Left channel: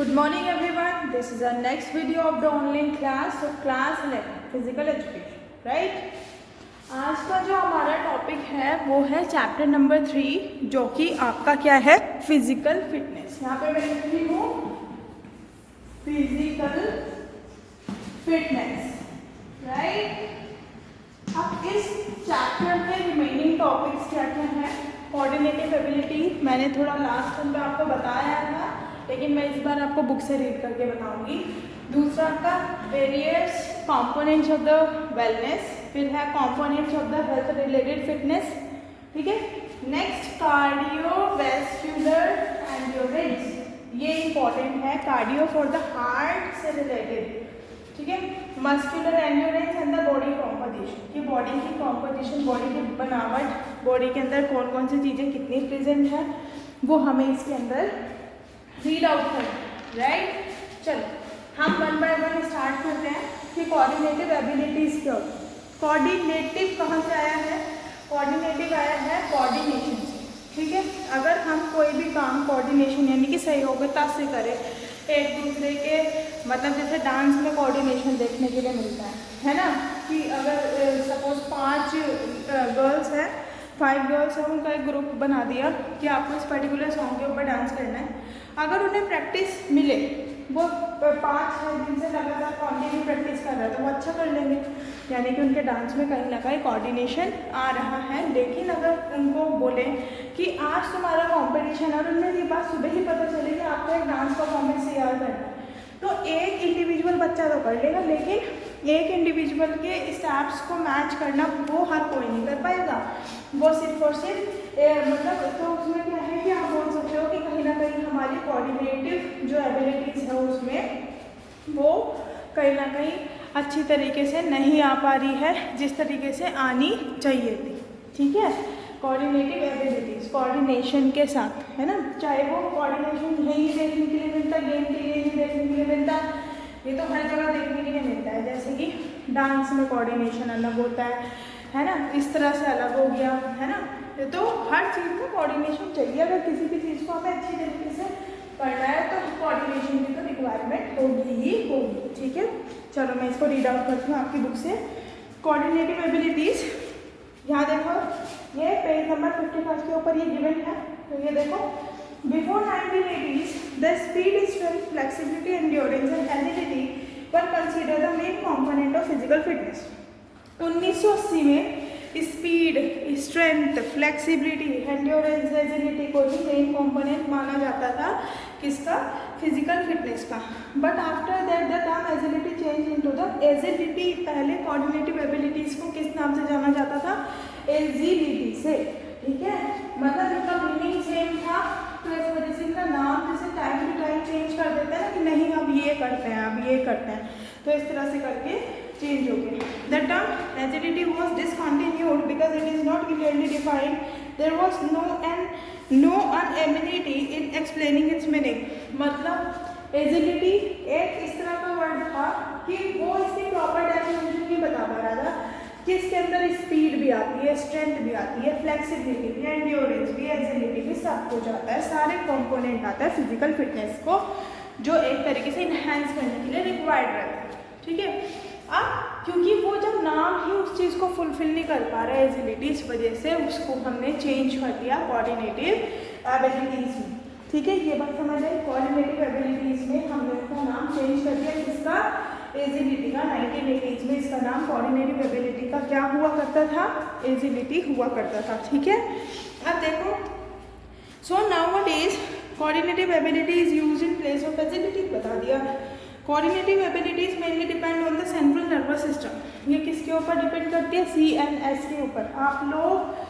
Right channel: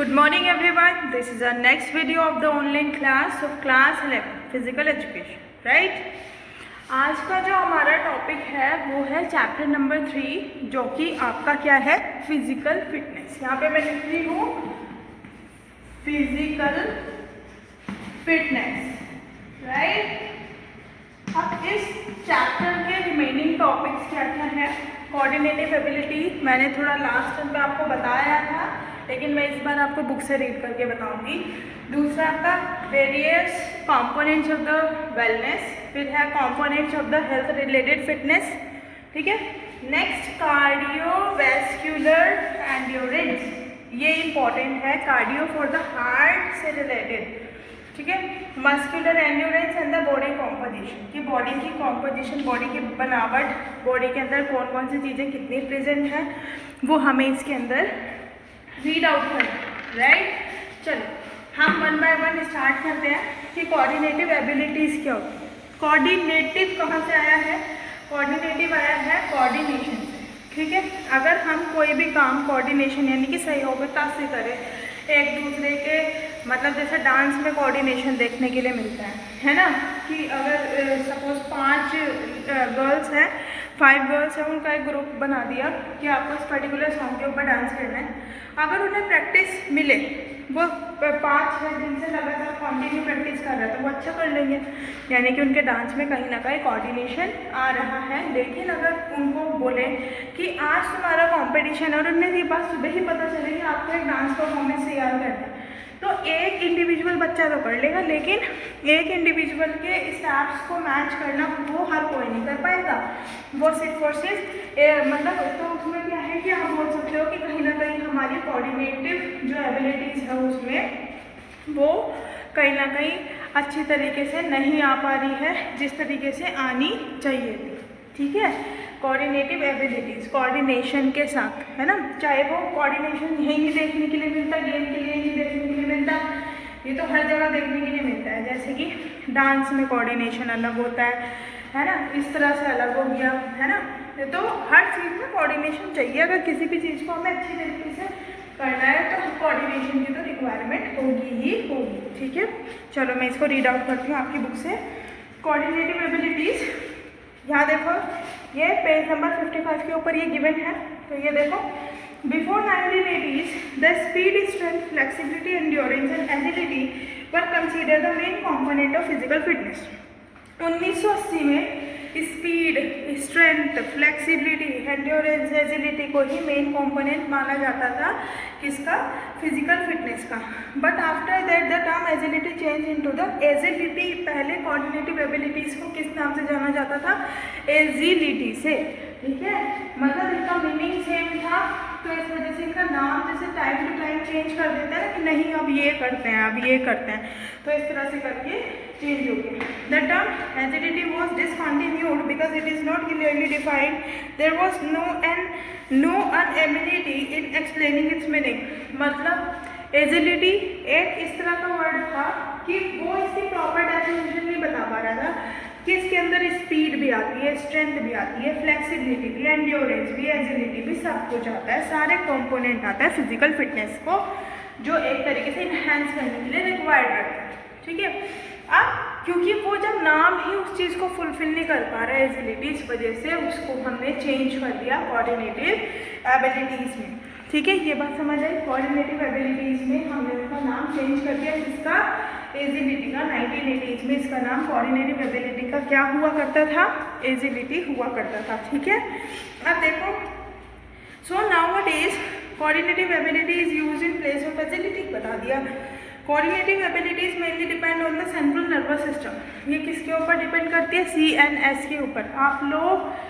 Good morning everyone. This is our next video of the online class of class 11 physical education, right? आज का जो हमारा topic है वो है चैप्टर नंबर 3 जो कि आपका क्या है फिजिकल फिटनेस। यहाँ पे मैं लिख रही हूँ फिजिकल फिटनेस, राइट। अब इस चैप्टर के रिमेनिंग टॉपिक्स क्या क्या है। कोऑर्डिनेटिव एबिलिटी मैंने थोड़ा लास्ट टाइम पे आपको बताया था, लेकिन मैं इस बार आपको बुक से रीड करके बताऊंगी। दूसरा आपका various components of the wellness, फिर है components of the health related fitness, ठीक है। नेक्स्ट कार्डियोवैस्कुलर एंड्योरेंस, ये इंपॉर्टेंट है, कार्डियो फॉर द हार्ट से रिलेटेड, ठीक है। Muscular endurance and the body composition, कि बॉडी की कॉम्पोजिशन, बॉडी की बनावट, बॉडी के अंदर कौन कौन सी चीज़ें कितनी प्रेजेंट है वो हमें इसके अंदर रीड आउट करना, राइट। चलो हम वन बाय वन स्टार्ट करते हैं कि कोऑर्डिनेटिव एबिलिटीज़ क्या होती है। कोऑर्डिनेटिव कहाँ से आया है? कोऑर्डिनेटिव आया है कोऑर्डिनेशन से, ठीक है। अगर हम कोई भी काम कोऑर्डिनेशन यानी कि सहयोगिता से करें, एक दूसरे के मतलब जैसे डांस में कोऑर्डिनेशन देखने के लिए मिलता है ना, कि अगर सपोज 5 गर्ल्स हैं, 5 गर्ल्स हैं, उनका एक ग्रुप बना दिया कि आपको इस पर्टिकुलर सॉन्ग के ऊपर डांस करना है। अगर उन्हें प्रैक्टिस मिले, वो 5-6 दिन से लगातार कंटिन्यू प्रैक्टिस कर रहे हैं तो वो अच्छा कर लेंगे, यानी कि उनके डांस में कहीं ना कहीं कोऑर्डिनेशन आ रहा है। लेकिन अगर उनको बोले कि आज तुम्हारा कंपटीशन है और उन्हें ये बात सुबह ही पता चले कि आपको एक डांस परफॉर्मेंस तैयार करना है, तो एक इंडिविजुअल बच्चा तो कर लेगा, लेकिन एक इंडिविजुअल के स्टेप्स को मैच करना वो हर कोई नहीं कर पाएगा। वो सिर्फ और सिर्फ मतलब तो उसमें क्या है कि आप बोल सकते हो कि कहीं ना कहीं हमारी कोऑर्डिनेटिव जो एबिलिटीज़ है उसमें वो कहीं ना कहीं अच्छी तरीके से नहीं आ पा रही है जिस तरीके से आनी चाहिए थी, ठीक है। कोऑर्डिनेटिव एबिलिटीज़ कोऑर्डिनेशन के साथ, है ना, चाहे वो कोऑर्डिनेशन यहीं ही देखने के लिए मिलता है, गेम के लिए ही देखने के लिए मिलता है, ये तो हर जगह देखने के लिए मिलता है। जैसे कि डांस में कोऑर्डिनेशन अलग होता है ना, इस तरह से अलग हो गया, है ना। तो हर चीज़ में कोऑर्डिनेशन चाहिए। अगर किसी भी चीज़ को हमें अच्छी तरीके से करना है तो कोऑर्डिनेशन की तो रिक्वायरमेंट होगी ही होगी, ठीक है। चलो मैं इसको रीड आउट करती हूँ आपकी बुक से। कोऑर्डिनेटिव एबिलिटीज़, यहाँ देखो ये पेज नंबर 55 के ऊपर ये गिवन है, तो ये देखो, before 1980s the speed, strength, flexibility, endurance and agility were consider the main component of physical fitness. 1980 में speed, strength, flexibility, endurance, agility को ही मेन कंपोनेंट माना जाता था, किसका? फिजिकल फिटनेस का। But after that the term agility change into the agility. पहले coordinative abilities को किस नाम से जाना जाता था? एजिलिटी से, ठीक है। मतलब इनका मीनिंग सेम था, तो इस वजह से इनका नाम जैसे टाइम टू टाइम चेंज कर देते हैं ना, कि नहीं अब ये करते हैं, अब ये करते हैं, तो इस तरह से करके चेंज हो गया। The term agility was discontinued because it is not clearly defined. There was no inability in explaining its meaning. मतलब एजिलिटी एक इस तरह का वर्ड था कि वो इसकी प्रॉपर डेफिनेशन नहीं बता पा रहा था कि इसके अंदर स्पीड भी आती है, स्ट्रेंथ भी आती है, फ्लेक्सिबिलिटी भी, एंड्योरेंस भी, एजिलिटी भी, सब कुछ आता है, सारे कंपोनेंट आता है फिजिकल फिटनेस को जो एक तरीके से इन्हेंस करने के लिए रिक्वायर्ड रहता है, ठीक है। अब क्योंकि वो जब नाम ही उस चीज़ को फुलफिल नहीं कर पा रहा है एजिलिटी, इस वजह से उसको हमने चेंज कर दिया कोऑर्डिनेटिव एबिलिटीज़ में, ठीक है। ये बात समझ आई। कोऑर्डिनेटिव एबिलिटीज़ में हमने इसका नाम चेंज कर दिया, किसका? एजिलिटी का। 1980s में इसका नाम कोऑर्डिनेटिव एबिलिटी का क्या हुआ करता था? एजिलिटी हुआ करता था, ठीक है। अब देखो, so nowadays coordinative ability is used in place of agility, बता दिया। Coordinative abilities mainly depend on the central nervous system. ये किसके ऊपर डिपेंड करती है? CNS के ऊपर। आप लोग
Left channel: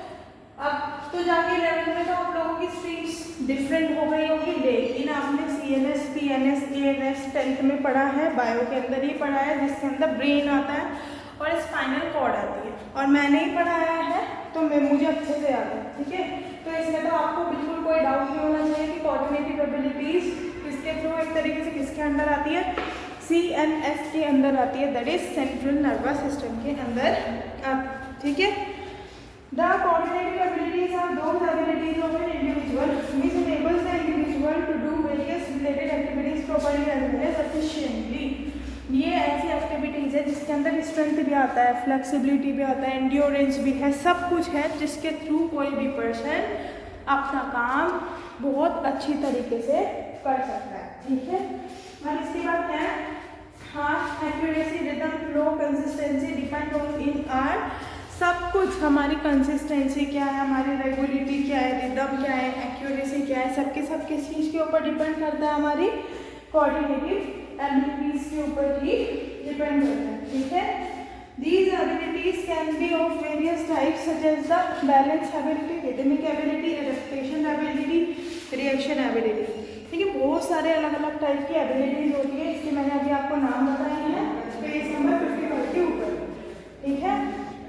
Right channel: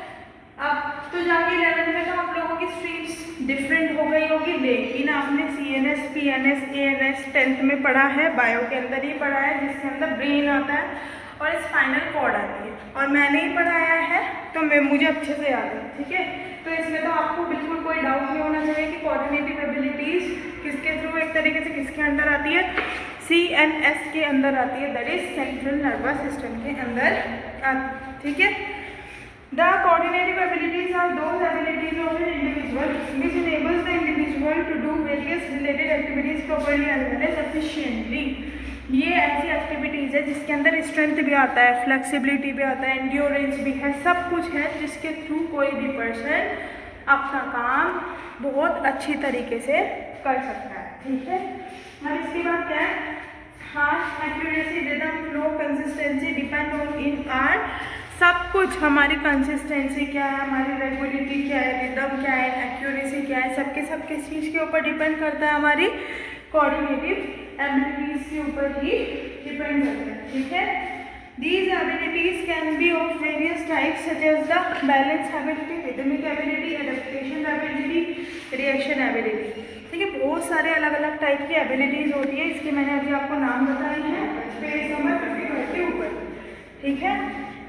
अब तो जाके 11th में तो आप लोगों की स्ट्रीम्स डिफरेंट हो गई होगी, लेकिन आपने CNS, PNS, ANS 10th में पढ़ा है, बायो के अंदर ही पढ़ा है, जिसके अंदर ब्रेन आता है और स्पाइनल कॉर्ड आती है, और मैंने ही पढ़ाया है तो मुझे अच्छे से याद है, ठीक है। तो इसमें तो आपको बिल्कुल कोई डाउट नहीं होना चाहिए कि कोऑर्डिनेटिव एबिलिटीज़ किसके थ्रू, एक तरीके से किसके अंदर आती है? CNS के अंदर आती है, that is central nervous system के अंदर, ठीक है। The coordinative abilities are those abilities of an individual which enables the individual to do various related activities properly ये ऐसी एक्टिविटीज़ है जिसके अंदर स्ट्रेंथ भी आता है, फ्लेक्सिबिलिटी भी आता है, एंड्योरेंस भी है, सब कुछ है जिसके थ्रू कोई भी पर्सन अपना काम बहुत अच्छी तरीके से कर सकता है। ठीक है, और इसके बाद क्या है, हाँ, accuracy, rhythm, flow, consistency depend on in are, सब कुछ हमारी कंसिस्टेंसी क्या है, हमारी रेगुलरिटी क्या है, रिदम क्या है, एक्यूरेसी क्या है, सबके चीज़ के ऊपर डिपेंड करता है, हमारी कोऑर्डिनेटिव एबिलिटीज के ऊपर ही डिपेंड करता है। ठीक है, these abilities can be of various types such as the balance ability, rhythmic ability, adaptation ability, reaction ability। ठीक है, बहुत सारे अलग अलग टाइप की एबिलिटीज होती है, इसके मैंने अभी आपको नाम बताए हैं पेज नंबर 55 के ऊपर। ठीक है,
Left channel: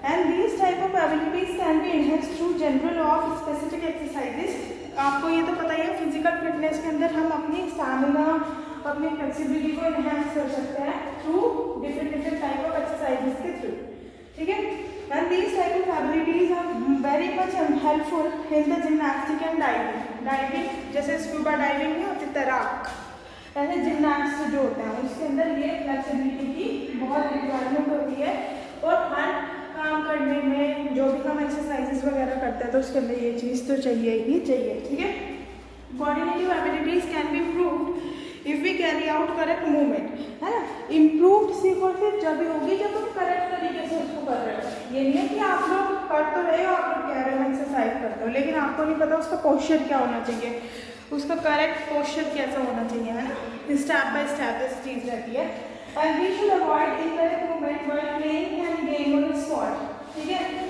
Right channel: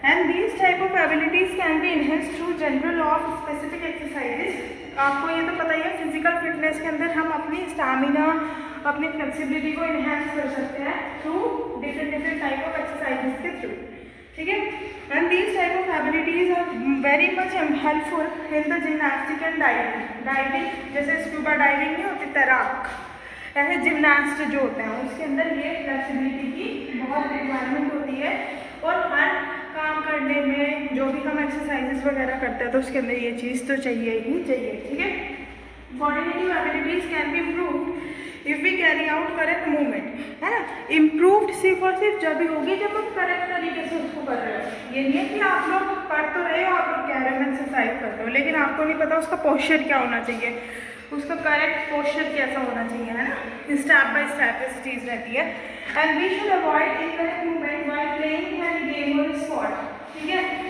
and these type of abilities can B enhanced through general of specific exercises. आपको ये तो पता ही है, फिजिकल फिटनेस के अंदर हम अपनी स्टैमिना, अपनी फ्लेक्सिबिलिटी को इनहेंस कर सकते हैं through different type of exercises के थ्रू। ठीक है, and these type of abilities are very much helpful in the gymnastic and diving. जैसे स्कूबा डाइविंग नहीं होती, तैराक, ऐसे जिम्नास्ट जो होते हैं उसके अंदर ये फ्लेक्सिबिलिटी की बहुत रिक्वायरमेंट होती है, और हर काम करने में जो भी हम एक्सरसाइजेस वगैरह करते हैं तो उसके अंदर ये चीज़ तो चाहिए ही चाहिए। ठीक है, coordinative abilities can be improved if we carry out correct movement, है ना। इम्प्रूव्ड सिर्फ और सिर्फ जब भी होगी जब हम करेक्ट तरीके से उसको कर रहे हो। ये नहीं है कि आप लोग कर तो रहे हो, आप लोग कह रहे हो एक्सरसाइज करते हो, लेकिन आपको नहीं पता उसका पोस्चर क्या होना चाहिए, उसका करेक्ट पोस्चर कैसा होना चाहिए, है ना। स्टेप बाय स्टेप इस चीज़ रहती है। And we should avoid incorrect movement while playing and game और स्पॉट। ठीक है,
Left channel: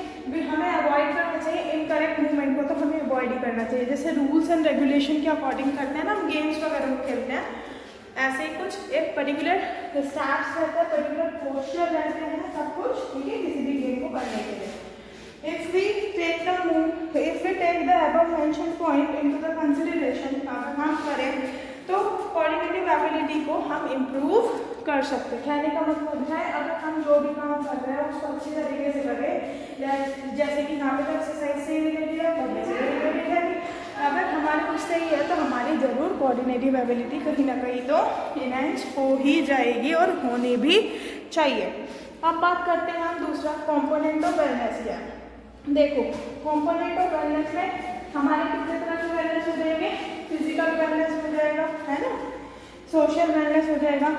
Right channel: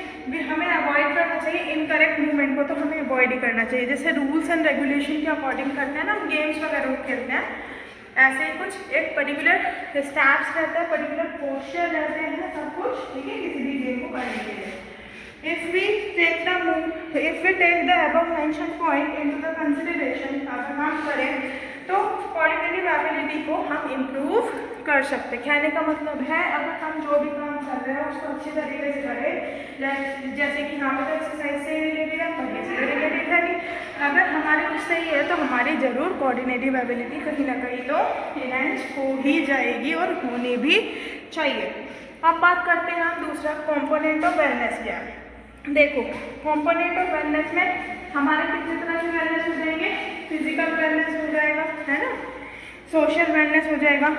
हमें अवॉइड करना चाहिए इनकरेक्ट मूवमेंट को, तो हमें अवॉइड ही करना चाहिए। जैसे रूल्स एंड रेगुलेशन के अकॉर्डिंग करते हैं ना हम गेम्स वगैरह खेलते हैं, ऐसे ही कुछ एक पर्टिकुलर स्टैट्स रहता है, पर्टिकुलर पोस्चर रहते हैं, सब कुछ। ठीक है, किसी भी गेम को करने के लिए if we take the above mentioned point into the consideration, अगर हम करें तो कोऑर्डिनेटिव एबिलिटी को हम इम्प्रूव कर सकते हैं। कहने का मतलब है, अगर हम जो भी काम कर रहे हैं उसको अच्छे तरीके से करें, जैसे कि यहाँ पे तो एक्सरसाइज से रिलेटेड है, पढ़ने से रिलेटेड है, कि अगर हमारे कुछ सही है तो हमारी ज़रूर कोऑर्डिनेटिव एबिलिटी कहीं ना कहीं तो इनहेंस हो ही जाएगी और होनी भी चाहिए। अब बात करते हैं हम दूसरा कॉम्पोनेंट ऑफ वेलनेस क्या है। देखो, कॉम्पोनेंट ऑफ वेलनेस में हमारे कितने तरह के वेलनेस हो जाएंगे, फिजिकल वेलनेस हो जाएगा, है ना, सोशल वेलनेस हो जाएगा,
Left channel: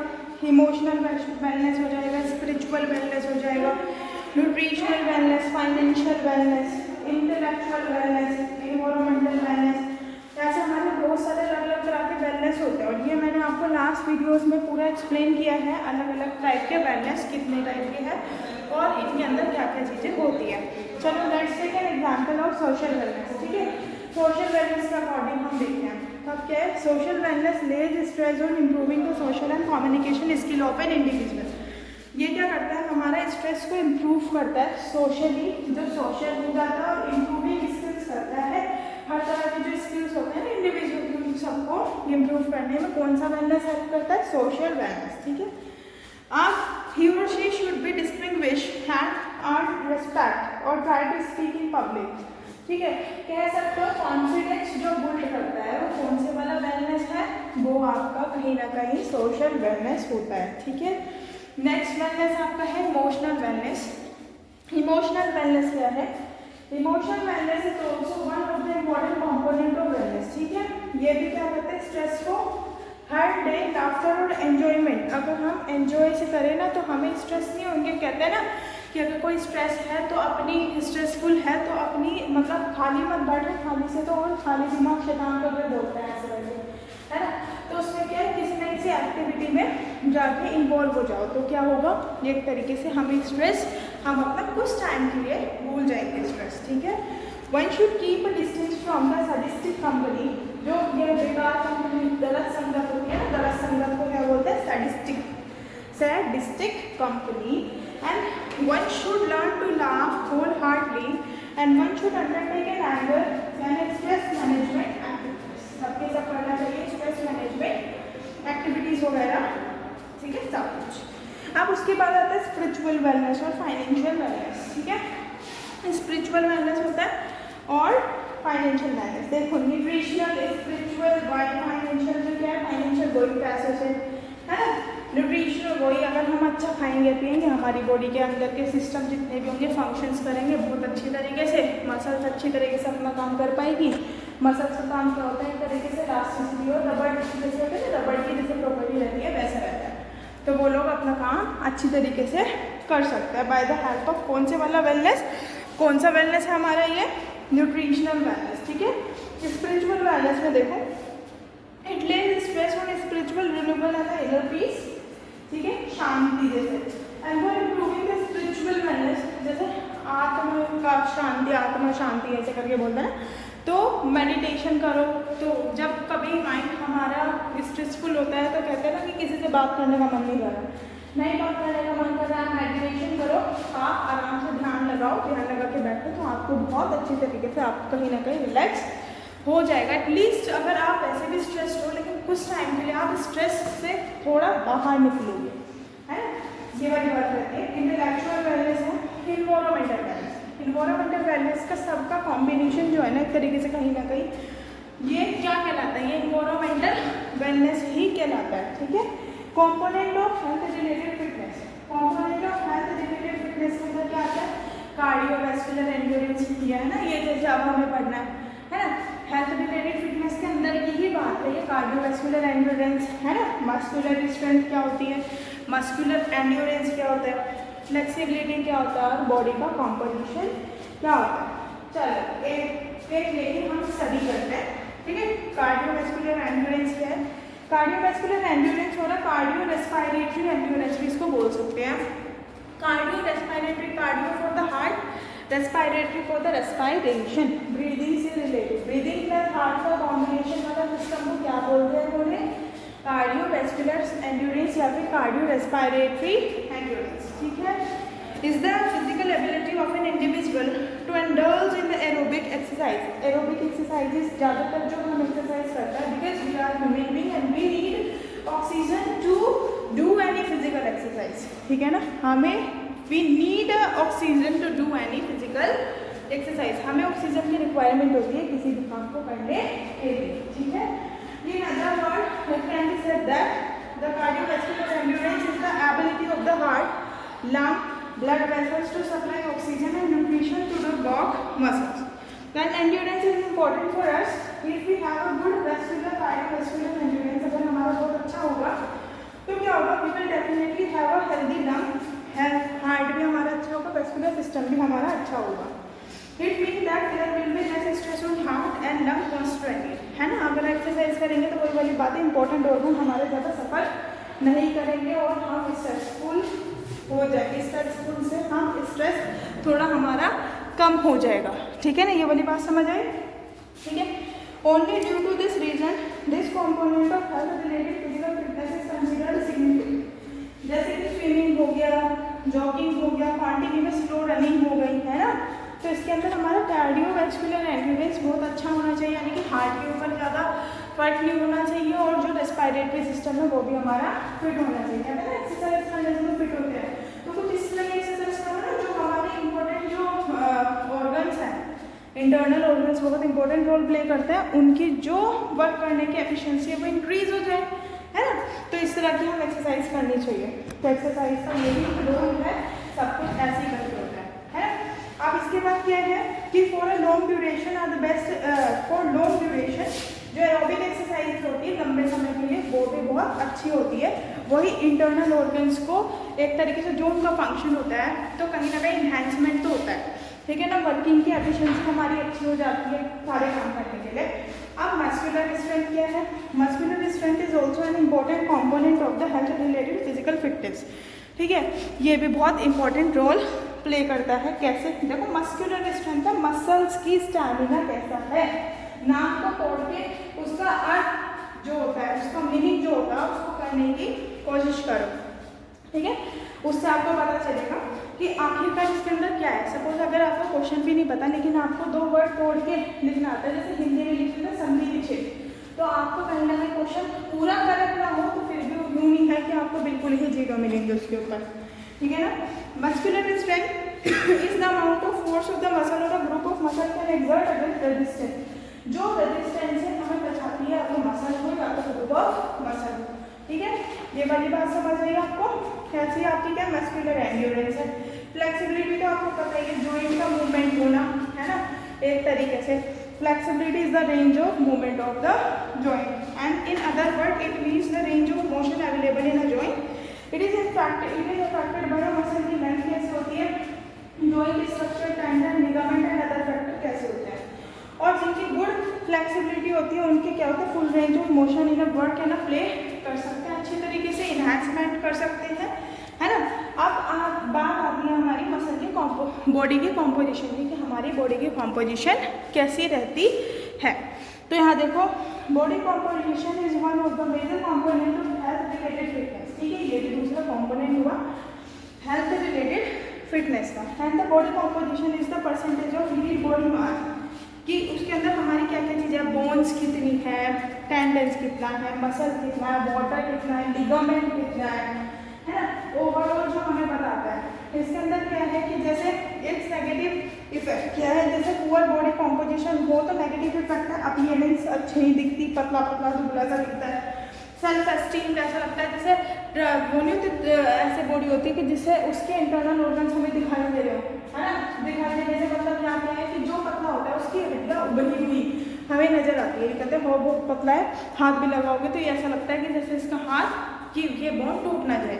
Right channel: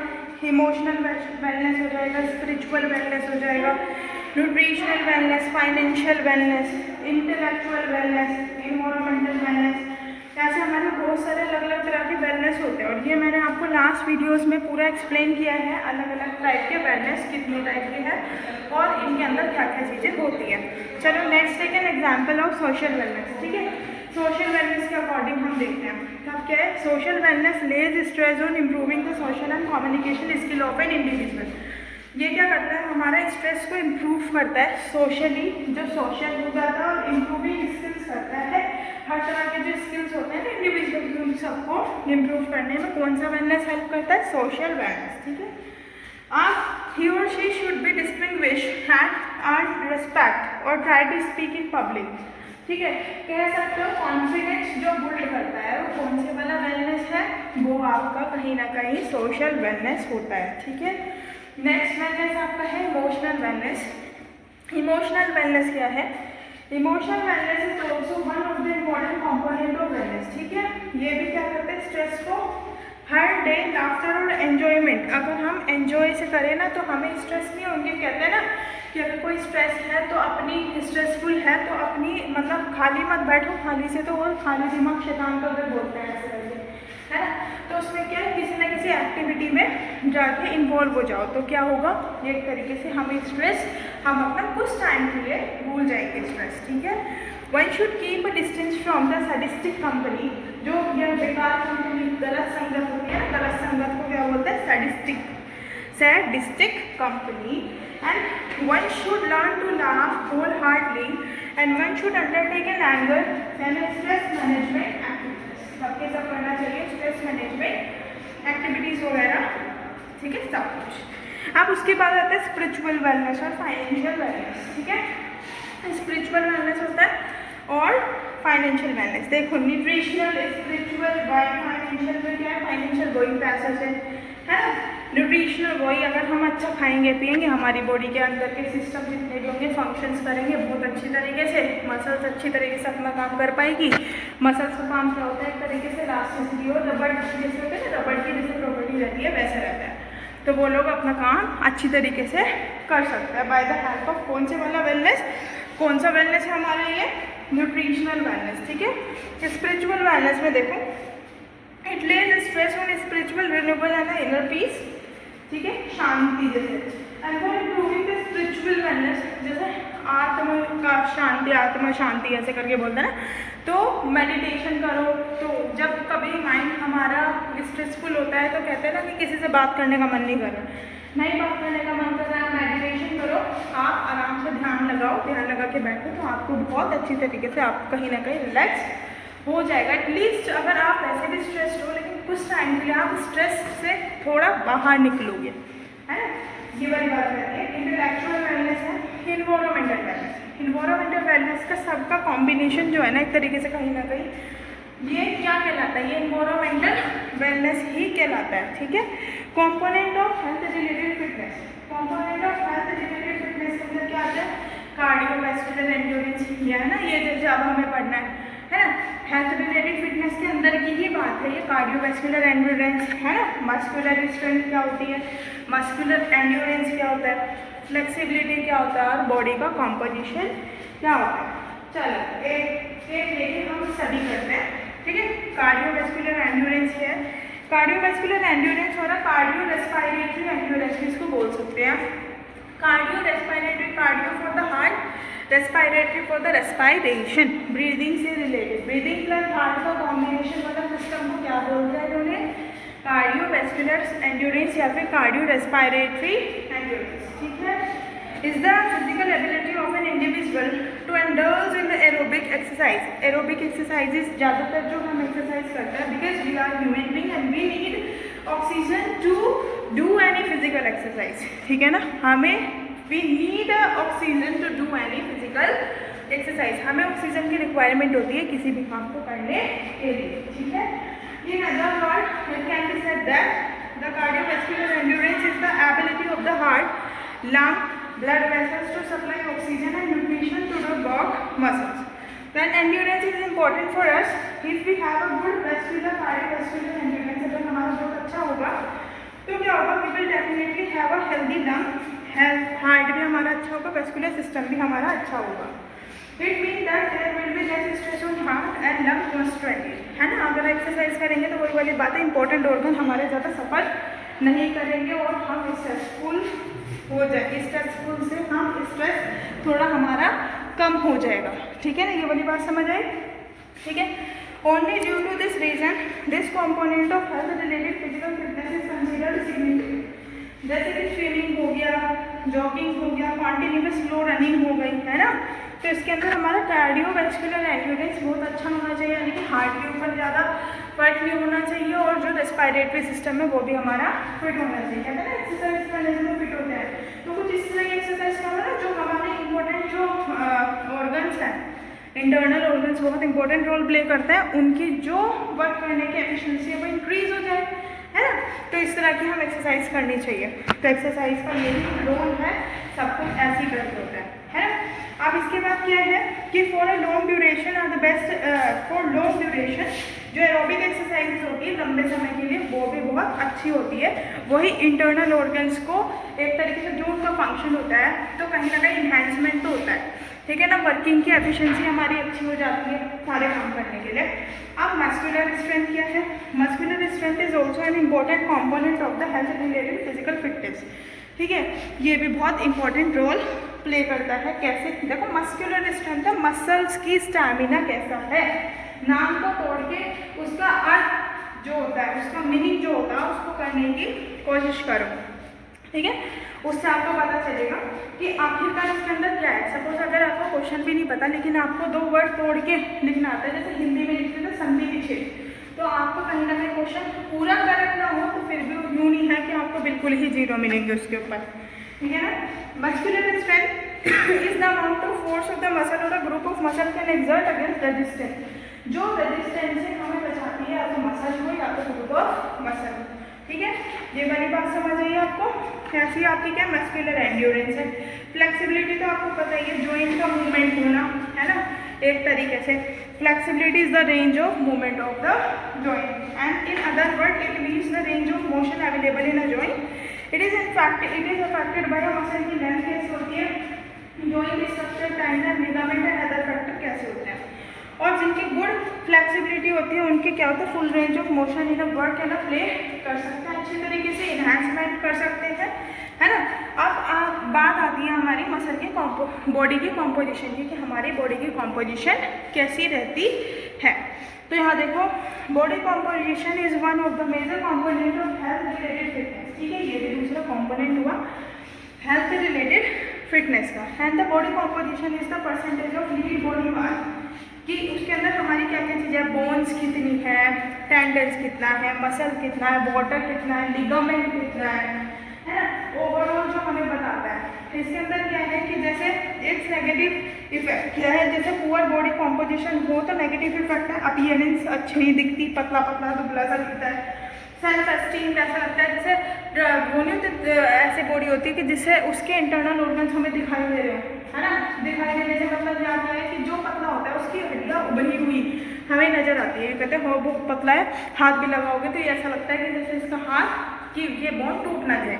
इमोशनल वेलनेस हो जाएगा, स्पिरिचुअल वेलनेस हो जाएगा, nutritional wellness, financial wellness, intellectual wellness, environmental wellness. ऐसे हमारे बहुत सारे अलग अलग तरह के वेलनेस होते हैं, और ये मैंने आपको लास्ट वीडियोस में पूरा एक्सप्लेन किया है, अलग अलग टाइप के वेलनेस कितने टाइप के हैं और इनके अंदर क्या क्या चीज़ें होती हैं। चलो let's take an example of social wellness. ठीक है, सोशल वेलनेस के अकॉर्डिंग हम देखते हैं। तब क्या है, social wellness lays stress on improving the social and communication skill of an individual. ये क्या करता है, हमारा स्ट्रेस को इम्प्रूव करता है, सोशली जो सोशल हो जाता है, और इम्प्रूविंग स्किल्स करता है, हर तरह के जो स्किल्स होते हैं ना इंडिविजुअल सबको इम्प्रूव करने में कौन सा वेलनेस हेल्प करता है, सोशल वेलनेस। ठीक है, अब ही और she should be distinguish and earn respect और try to speak in public. ठीक है, कह सकते हो कॉन्फिडेंस जो बिल्ड करता है वो कौन से वाला वेलनेस है, वो आपका कहीं ना कहीं सोशल वेलनेस होता है। ठीक है, नेक्स्ट वेलनेस आपका है इमोशनल वेलनेस। इमोशनल वेलनेस क्या है, emotional wellness is also one of the important component of wellness. ठीक है, ये भी क्या करते हैं, स्ट्रेस को हर डे लाफ्टर और एन्जॉयमेंट, अगर हम एन्जॉय से करें ना तो हमें स्ट्रेस नहीं होंगे। कहते हैं ना कि अगर कोई स्ट्रेस है तो अपनी स्ट्रेसफुल है तो अपनी मतलब खाली मत बैठो, खाली से तो और खाली दिमाग शैतान का घर बोलते हैं ऐसे करके, है ना। तो उसमें क्या है, किसी न किसी एक्टिविटी में जाके इन्वॉल्व हो जाओ तो क्या होगा, एक तरीके से हमें स्ट्रेस हम अपना कुछ टाइम के लिए भूल जाएंगे स्ट्रेस। ठीक है, one should keep a distance from the sadistic company, जो ये बेकार कंपनी गलत संगत होती है, गलत संगत को क्या बोलते हैं, sadistic company. And one should learn to laugh whole heartily and one should undertake an anger and stress management activities. सबके सब करना चाहिए स्ट्रेस मैनेजमेंट एक्टिविटीज वगैरह। ठीक है, सब कुछ। अब उसके बाद आता है स्पिरिचुअल वेलनेस और फाइनेंशियल वेलनेस। ठीक है, स्पिरिचुअल वेलनेस होता है और फाइनेंशियल वेलनेस। देखो, न्यूट्रिशनल, स्पिरिचुअल, फाइनेंशियल में क्या है, फाइनेंशियल गोइंग पैसेज है ना। न्यूट्रिशनल, वही अगर हम अच्छा खाएंगे पिएंगे हमारी बॉडी के अंदर के सिस्टम जितने भी होंगे फंक्शंस करेंगे बहुत अच्छी तरीके से, मसल्स अच्छी तरीके से अपना काम कर पाएगी। मसल्स का काम क्या होता है, एक तरीके से इलास्टिसिटी और रबड़ जैसे होते हैं, रबड़ की जैसे प्रॉपर्टी रहती है वैसा रहता है, तो वो लोग अपना काम अच्छी तरीके से कर सकते हैं बाय द हेल्प ऑफ कौन से वाला वेलनेस, कौन सा वेलनेस है हमारा ये न्यूट्रिशनल वेलनेस, ठीक है। स्पिरिचुअल वेलनेस में देखो, it Lay's stress on spiritual renewal and inner peace, ठीक है, शांति जैसे, and for improving the spiritual wellness, जैसे आत्मा का शांति, आत्मा शांति ऐसे करके बोलते हैं ना, तो मेडिटेशन करो। तो जब कभी माइंड हमारा स्ट्रेसफुल होता है तो कहते हैं ना कि किसी से बात करने का मन नहीं कर रहा, नहीं बात करने का मन कर रहा है, मेडिटेशन करो, आप आराम से ध्यान लगाओ, ध्यान लगा के बैठो तो आपको बहुत अच्छी तरीके से आप कहीं ना कहीं रिलैक्स हो जाएगा। एटलीस्ट अगर आप वैसे भी स्ट्रेस्ड हो लेकिन कुछ टाइम के लिए आप स्ट्रेस से थोड़ा बाहर निकलोगे, है ना, ये वाली बात रहती है। इंटेलेक्चुअल वेलनेस है, इन्वायरमेंटल वेलनेस, इन्वायरमेंटल वेलनेस का सबका कॉम्बिनेशन जो है ना एक तरीके से कहीं ना कहीं ये क्या कहलाता है, ये इन्वायरमेंटल वेलनेस ही कहलाता है, ठीक है। Component of health related fitness, component of health related fitness के अंदर क्या आता है, कार्डियोवैस्कुलर एंड्योरेंस, ये है ना, ये जैसे अब हमें पढ़ना है ना, हेल्थ रिलेटेड फिटनेस के अंदर की ही बात है ये, कार्डियोवैस्कुलर एंड्योरेंस है ना, मस्कुलर स्ट्रेंथ क्या होती है, मस्कुलर एंड्योरेंस क्या होता है, फ्लेक्सिबिलिटी क्या होता है, और बॉडी का कॉम्पोजिशन क्या होता है। चलो एक एक लेके हम सभी करते हैं, ठीक है। कार्डियोवैस्कुलर एंड्योरेंस क्या है, कार्डियोवैस्कुलर एंड्योरेंस और कार्डियो रेस्पिरेटरी एंड्योरेंस भी इसको बोल सकते हैं। Cardio respiratory, cardio for the heart, respiratory for the respiration, breathing से रिलेटेड, ब्रीदिंग प्लस हार्ट का कॉम्बिनेशन वाला सिस्टम को क्या बोलते हैं इन्होंने, कार्डियोवैस्कुलर एंड्योरेंस या फिर कार्डियो रेस्पिरेटरी एंड्योरेंस, ठीक है। Is the physical ability of an individual to indulge in the aerobic exercise, aerobic exercises ज़्यादातर जो हम एक्सरसाइज करते हैं, because we are human being and we need oxygen to do any physical exercise, ठीक है ना, हमें we need oxygen to do any physical exercise, हमें ऑक्सीजन की रिक्वायरमेंट होती है किसी भी काम को करने के लिए, ठीक है। In other words, it can be said that the cardiovascular endurance is the ability of the heart, lung, blood vessels to supply oxygen and nutrition to the body muscles. Then endurance is important for us if we have a good vascular cardiovascular endurance. अगर हमारा बहुत अच्छा होगा तो क्या होगा, we will definitely have a healthy lung, heart भी हमारा अच्छा होगा, वेस्कुलर सिस्टम भी हमारा अच्छा होगा। It mean that there will be less stress on heart and lung constantly, है ना। अगर एक्सरसाइज करेंगे तो वही वाली बात है, इंपॉर्टेंट ऑर्गन हमारे ज़्यादा सफर नहीं करेंगे और हम स्ट्रेसफुल हो जाएंगे, स्ट्रेसफुल से हम स्ट्रेस थोड़ा हमारा कम हो जाएगा, ठीक है ना, ये वाली बात समझ आई, ठीक है। Only due to this reason this component of health related physical fitness is considered significant, जैसे कि स्विमिंग हो गया, जॉगिंग हो गया, कॉन्टिन्यूस स्लो रनिंग हो गई, है ना, तो इसके अंदर हमारा कार्डियोवैस्कुलर एंड्योरेंस बहुत अच्छा होना चाहिए, यानी कि हार्ट के ऊपर ज़्यादा फर्क नहीं होना चाहिए और जो रेस्पिरेटरी सिस्टम है वो भी हमारा फिट होना चाहिए, है ना। एक्सरसाइज करने से तो फिट होता है, तो कुछ इस तरह की एक्सरसाइज करो ना जो हमारे इंपॉर्टेंट जो ऑर्गन्स हैं, इंटरनल ऑर्गन्स बहुत इंपॉर्टेंट रोल प्ले करते हैं, उनकी जो वर्क करने की एफिशिएंसी है वो इंक्रीज हो जाए, है ना। तो इस तरह की हम एक्सरसाइज करनी चाहिए, तो एक्सरसाइज का यही रोल है, सब कुछ ऐसे ही करते होता है ना। अब इसके बाद क्या है कि for a long duration are the best, for long duration जो एरोबिक एक्सरसाइज होती है लंबे समय के लिए वो भी बहुत अच्छी होती है, वही इंटरनल ऑर्गन्स को एक तरीके से जो उनका फंक्शन होता है तो कहीं ना कहीं इन्हेंसमेंट तो होता है, ठीक है ना, वर्किंग की एफिशिएंसी हमारी अच्छी हो जाती है सारे काम करने के लिए। अब मस्कुलर स्ट्रेंथ क्या है, muscular strength is also an important component of the health related physical fitness, ठीक है, ये भी बहुत इंपॉर्टेंट रोल प्ले करता है। कैसे, देखो मस्कुलर स्ट्रेंथ है, मसल्स की स्टैमिना कैसा है, नाम को तोड़ के उसका अर्थ जो होता है, उसका मीनिंग जो होता है उसको करने की कोशिश करो, ठीक है, उससे आपको पता चलेगा कि आखिरकार इसके अंदर क्या है। सपोज अगर आपको क्वेश्चन भी नहीं पता लेकिन आपको दो वर्ड तोड़ के लिखना आता है, जैसे हिंदी में लिखते थे संधि विच्छेद, तो आपको कहीं ना कहीं क्वेश्चन पूरा करेक्ट ना हो तो फिर भी यूँ नहीं है कि आपको बिल्कुल ही जीरो मिलेंगे उसके ऊपर, ठीक है ना। Muscular strength is the amount of force of the muscle और a group of muscle can exert against resistance, जो रेजिस्टेंस से हमें बचाती है, या तो मसल हो या तो ग्रुप ऑफ मसल हो, ठीक है। ये वाली बात समझ आई आपको? कैसी आपकी क्या मस्कुलर एंड्योरेंस है। फ्लेक्सिबिलिटी तो आपको पता ही है, जॉइंट का मूवमेंट होना, है ना, एक तरीके से। Flexibility is the range of movement of the joint and in other word it means the range of motion available in a joint. It is affected by muscle की लेंथ कैसे होती है, joint structure, tendon, ligament and other factor कैसे होते हैं। और जिनकी good flexibility होती है उनके क्या होता है, full range of motion in a work है ना प्ले कर सकते हैं, अच्छे तरीके से इन्हांसमेंट कर सकते हैं, है ना। अब बात आती है हमारी मसल के बॉडी की कॉम्पोजिशन की, कि हमारी बॉडी की कॉम्पोजिशन कैसी रहती है। तो यहाँ देखो, body composition is one of the major component of health related fitness. ठीक है, ये भी दूसरा कॉम्पोनेंट हुआ हेल्थ रिलेटेड फिटनेस का। And the body composition is the percentage of lead body mass, कि उसके अंदर हमारी क्या क्या चीज़ें हैं, बोन्स कितनी है, टेंडन्स कितना है, मसल कितना है, वाटर कितना है, लिगामेंट कितना है ना, ओवरऑल जो हमें बताता है। इसके अंदर क्या है कि जैसे एक नेगेटिव इफेक्ट क्या है, जैसे पुअर बॉडी कॉम्पोजिशन हो तो नेगेटिव इफेक्ट है, अपीयरेंस अच्छी नहीं दिखती, पतला पतला दुबला सा दिखता है। सेल्फ एस्टीम ऐसा लगता है जैसे वो नहीं होती, ऐसे बॉडी होती है कि जिससे उसके इंटरनल ऑर्गन्स हमें दिखाई दे रहे हो, है ना, दिखाई दे रहे, मतलब यहाँ पे है कि जो पतला होता है उसकी हड्डियाँ उभरी हुई हमें नजर आती है। ये कहते हैं वो पतला है, हाथ भी लगाओगे तो ये ऐसा लगता है कि जैसे इसका हाथ कि ये बोन टूट ना जाए,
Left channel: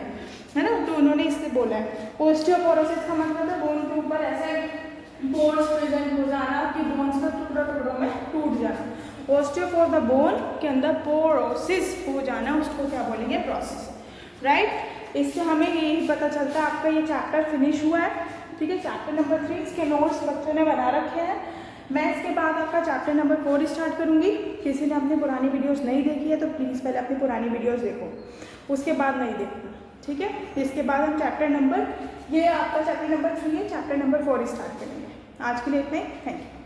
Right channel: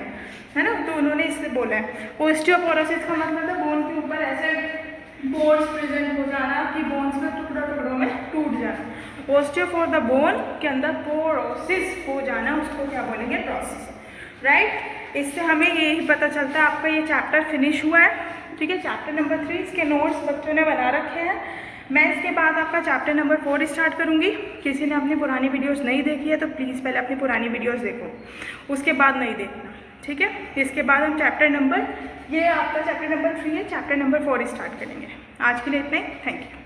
है ना। तो उन्होंने इससे बोला है ओस्टियोपोरोसिस का मतलब है बोन के ऊपर ऐसे पोर्स प्रेजेंट हो जाना, कि बोन्स का टुकड़ा टुकड़ों में टूट जाना। ओस्टियो फॉर द बोन के अंदर पोरोसिस हो जाना, उसको क्या बोलेंगे, प्रोसेस, राइट। इससे हमें यही पता चलता है। आपका ये चैप्टर फिनिश हुआ है, ठीक है, चैप्टर नंबर 3 इसके नोट्स बच्चों ने बना रखे हैं। मैं इसके बाद आपका चैप्टर नंबर 4 स्टार्ट करूँगी। किसी ने अपनी पुरानी वीडियोस नहीं देखी है तो प्लीज़ पहले अपनी पुरानी वीडियोस देखो, उसके बाद नहीं देखना, ठीक है। इसके बाद हम चैप्टर नंबर, ये आपका चैप्टर नंबर 3 है, चैप्टर नंबर 4 स्टार्ट करेंगे। आज के लिए इतना ही, थैंक यू।